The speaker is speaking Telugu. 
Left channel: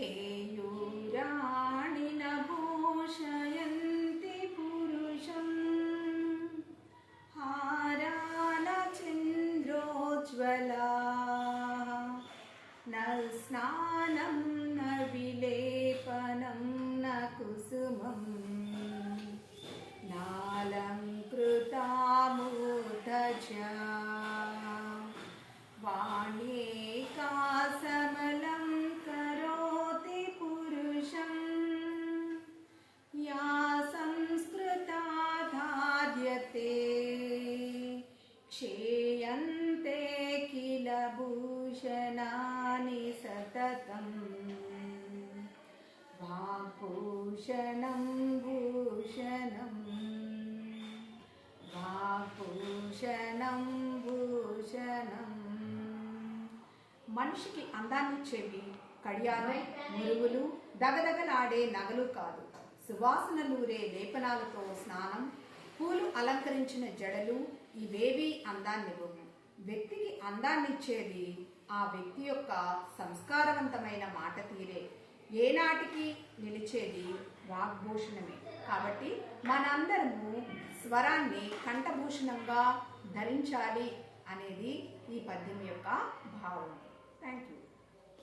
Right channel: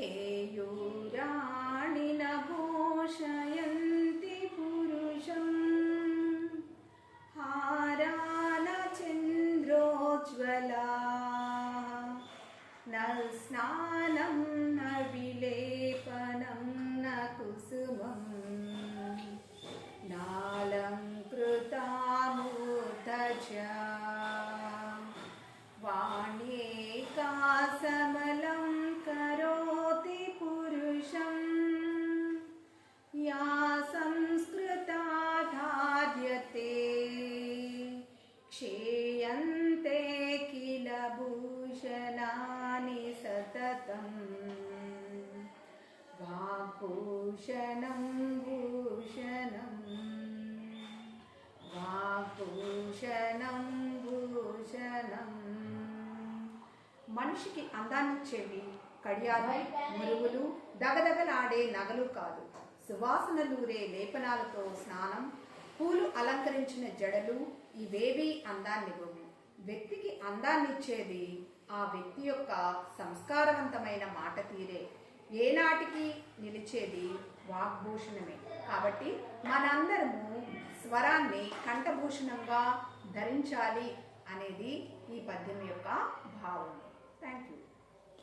केयूराणि न भूषयन्ति पुरुषम् हारानचन्द्रोज्ज्वला न स्नानं न विलेपनं न कुसुमम् नालङ्कृता मूर्धजा वाण्येका समलं करोति पुरुषम् या संस्कृता धार्यते क्षेयन्ते किल भूषणानि सततम् वाग्भूषणं भूषणम् वाग्भूषणं भूषणम् మనిషికి అందాన్నిచ్చేవి కడియాలు, మురుగులు, దగదగలాడే నగలు కాదు. సువాసనలూరే లేపనాలతో స్నానం, పూలు అలంకరించిన జడలు ఇవేవి అందాన్నివ్వవు. వ్యక్తికి అందాన్నిచ్చేది ఆ వ్యక్తి యొక్క సంస్కారవంతమైన మాట తీరే. ఏనాటికి నిలిచేది వాగ్భూషణమే. కాబట్టి మనందరము స్వరాన్ని కంఠభూషణంగా ధరించాలి అనేది ఈ పద్యం యొక్క భావం. Thank you.